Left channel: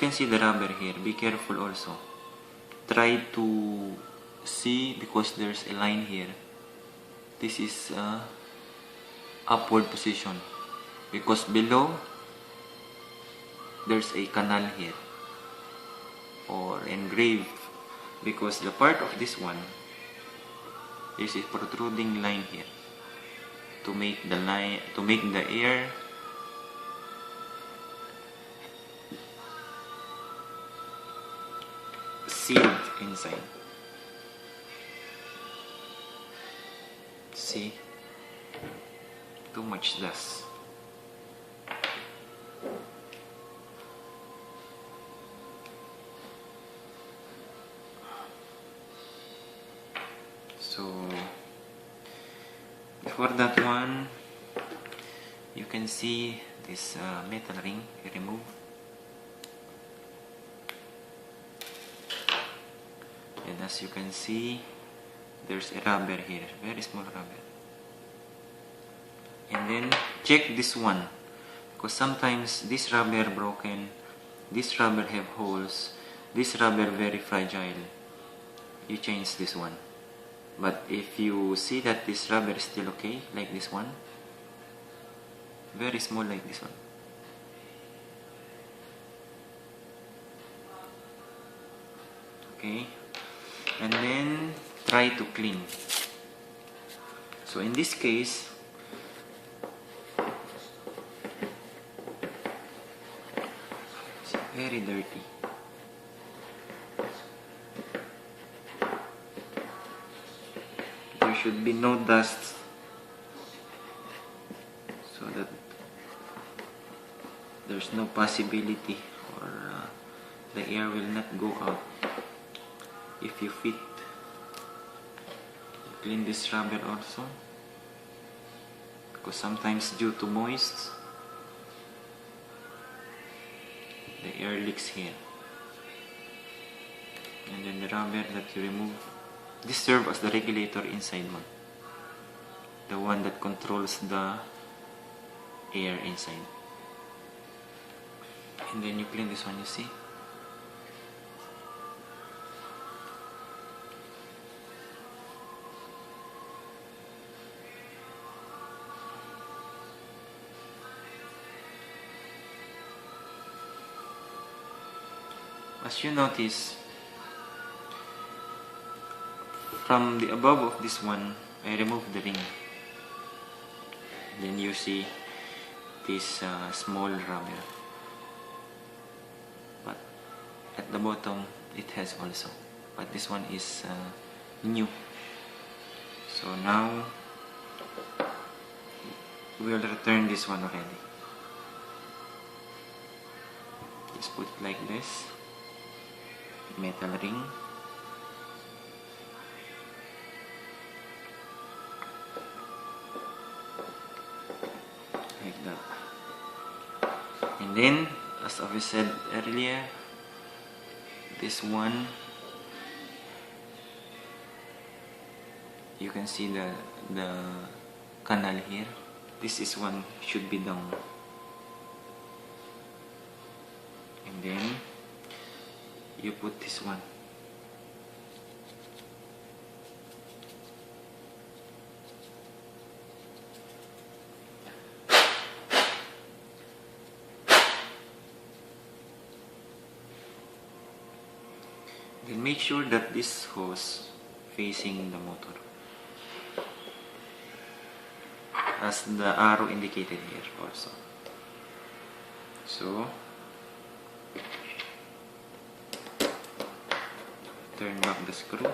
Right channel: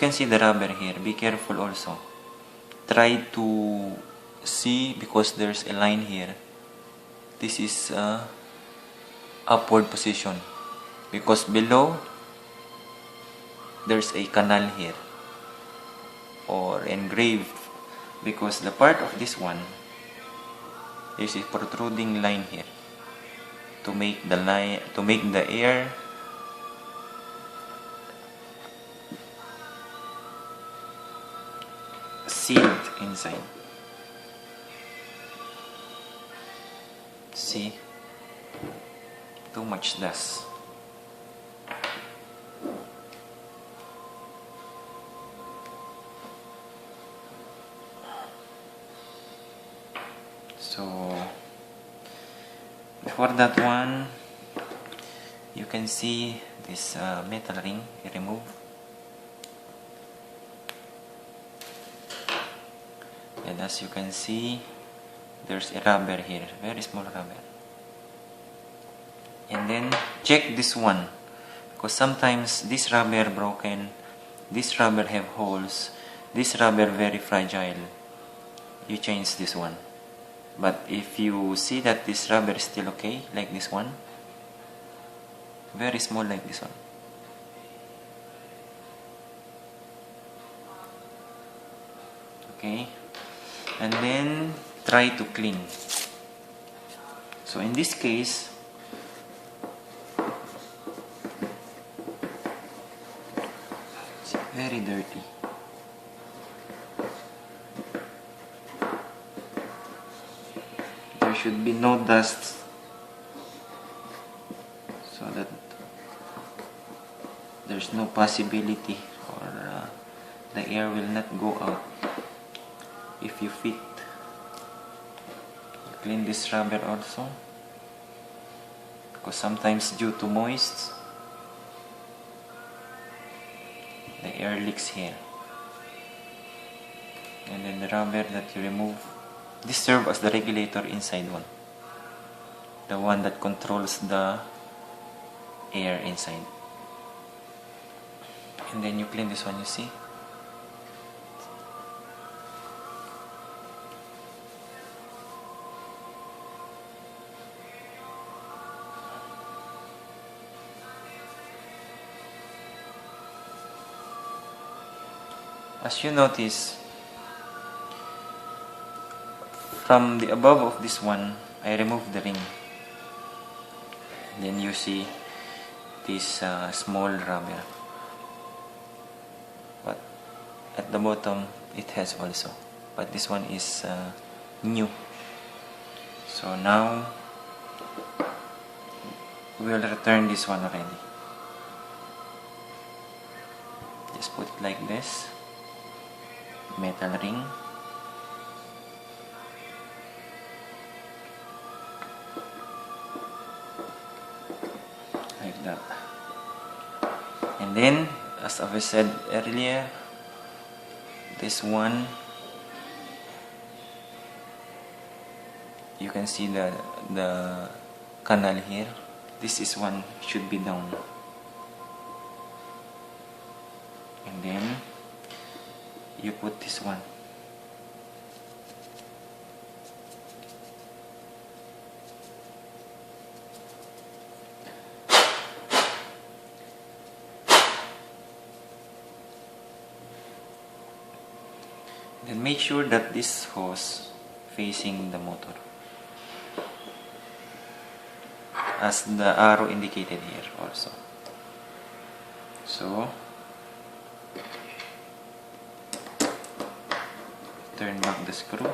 can see the rubber here. Be careful also. Try to see, because there's a line here. This is upward position, because below there's a canal here, or engraved, because the part of this one is a protruding line here to make the air sealed inside. See, too much dust. So before that one, you can see this metal ring remove, and as you can see, there's a rubber here, very small rubber. And then check this one, because sometimes this rubber broken, this rubber have holes, this rubber very fragile. You change this one. But if you see that this rubber is still okay, like this one, very small like this one, okay, and then try to clean. So in this case, it's very dirty. There should be no dust, so that there's no possibility, or the air will not go out if you fit. Clean this rubber also, because sometimes due to moist, the air leaks here. And then the rubber that you remove, this serves as the regulator inside one, the one that controls the air inside. And then you clean this one, you see. As you notice, from the above of this one, I removed the ring. And then you see this small rubber. But at the bottom, it has also. But this one is new. So now, we will return this one already. Just put it like this. Metal ring. Like that. And then, as I said earlier, this one, you can see the canal here. This is one should be down. And then you put this one. Then make sure that this hose facing the motor, as the arrow indicated here also. So turn back the screw.